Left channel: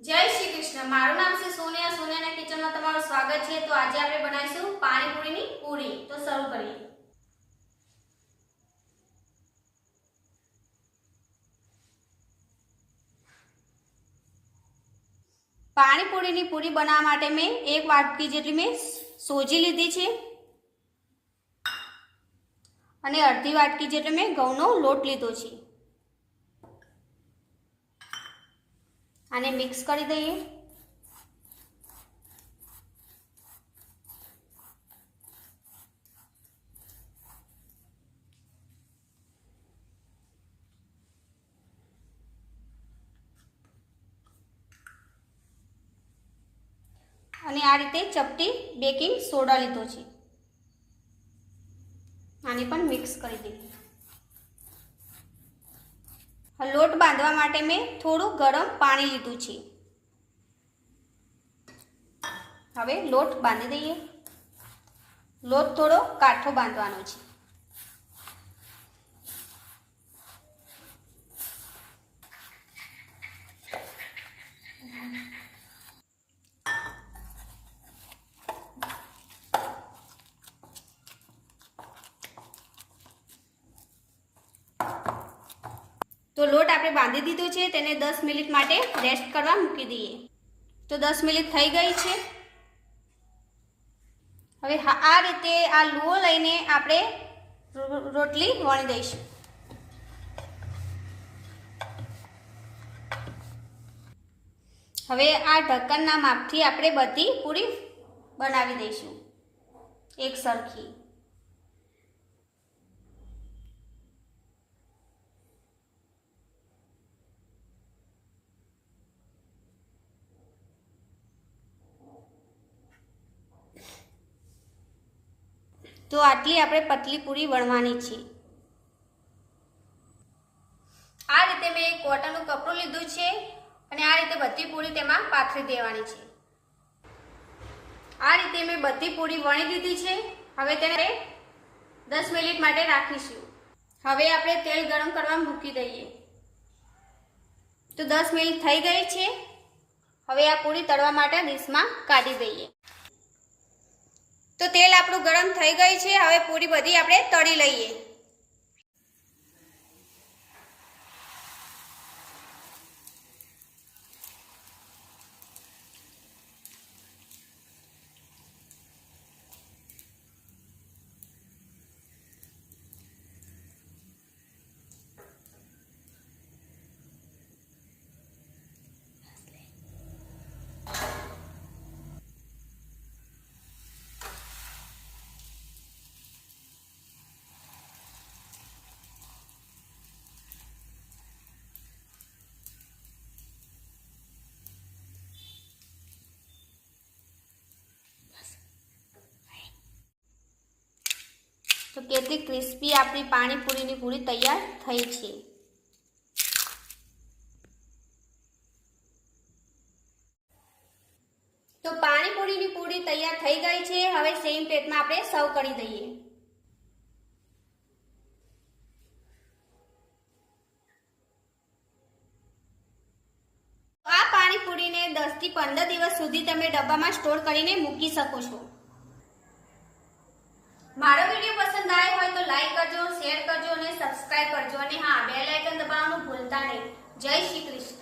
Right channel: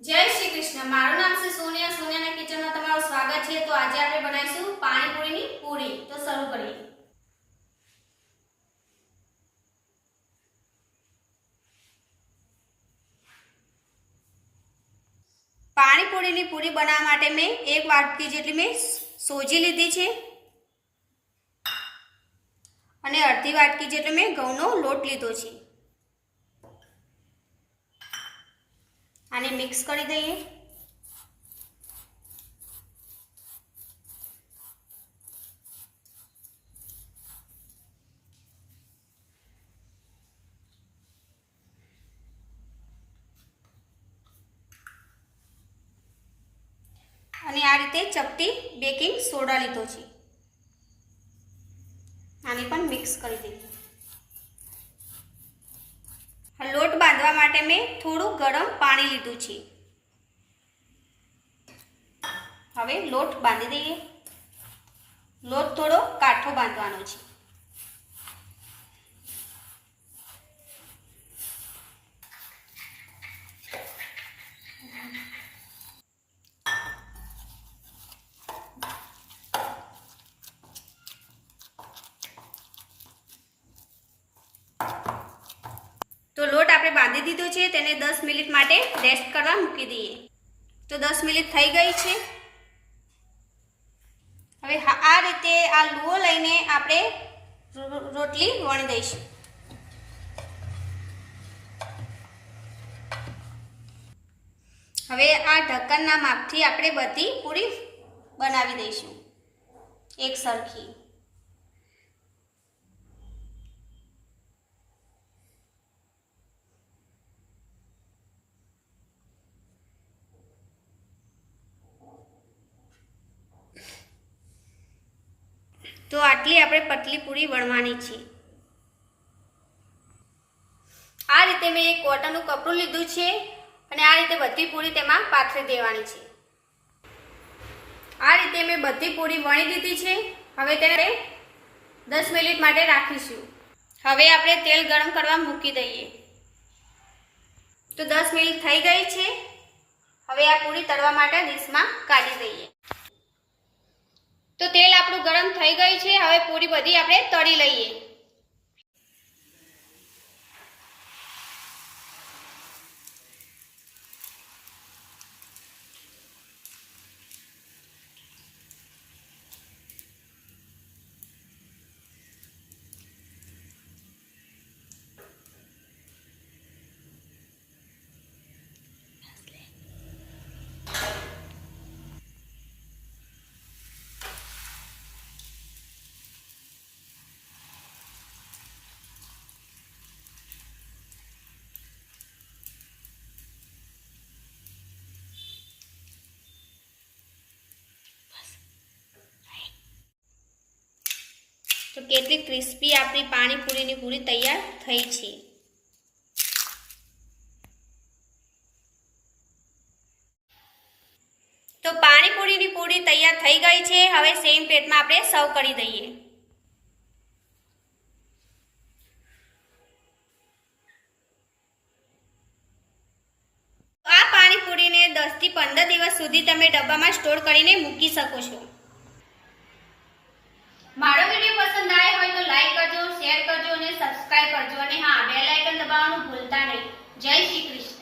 जय श्री कृष्ण। मारू नाम से सोनिया। सोनिया ना किचन में तमाરું स्वागत है। तो आज આપણે બનાવીશું પાણીપુરીની પૂરી। તો શરૂ કરીએ। પાણીપુરીની પૂરી બનાવવા માટે મેં 1 વાટકી જેટલી મેં સોજી લીધી છે અને અડધી વાટકી જેટલો મેં ઘઉંનો લોટ લીધો છે। આને મિક્સ કરી દઈએ। અને આ રીતે ચપટી બેકિંગ સોડા લીધો છે, આને પણ મિક્સ કરી દઈએ। લોટ બાંધવા માટે મેં થોડું ગરમ પાણી લીધું છે। હવે લોટ બાંધી દઈએ। લોટ થોડો કાઠો બાંધવાનો છે। तो लोट आपणे बांधी दीधो छे, तेने 10 मिनिट माटे रेस्ट करवा मूकी दीए। तो 10 मिनिट थई गई छे। हवे आ रीते आ लूओ लईने आपणे रोटली वणी दईशुं। हवे आ ढक्कनना मापथी आपणे बधी पूरी बनावी दईशुं एक सरखी। तो आटली आपणे पतली पूरी वणवानी छे। आ रीते मैं एक कॉटननुं कपड़ुं लीधुं छे अने आ रीते बधी पूरी तेमां पाथरी देवानी छे। आ रीते मैं बधी पूरी वणी दीधी छे। हवे तेने 10 मिनिट माटे राखीशुं। हवे आपणे तेल गरम करवा मूकी दईए। तो 10 मिनिट थई गई छे। हवे आ पूरी तळवा माटे डिशमां काढी दईए। तो तेल आपणुं गरम थई गई छे। हवे पूरी बधी आपणे तળી लईए। तो केटली क्रिस्पी आपणी पाणीपुरीनी पूरी तैयार थई छे। तो पाणीपुरीनी पूरी तैयार थई गई छे। हवे सेम प्लेटमां आपणे सर्व करी दईए। आ पाणीपुरीने 10 થી 15 દિવસ સુધી તમે ડબ્બામાં સ્ટોર કરીને મૂકી શકો છો। मारो वीडियो पसंद आए हो तो लाइक करजो, शेर करजो और सब्सक्राइब करजो। हाँ, बेल आइकन दबावવાનું ભૂલતા નહીં। जय श्री कृष्ण।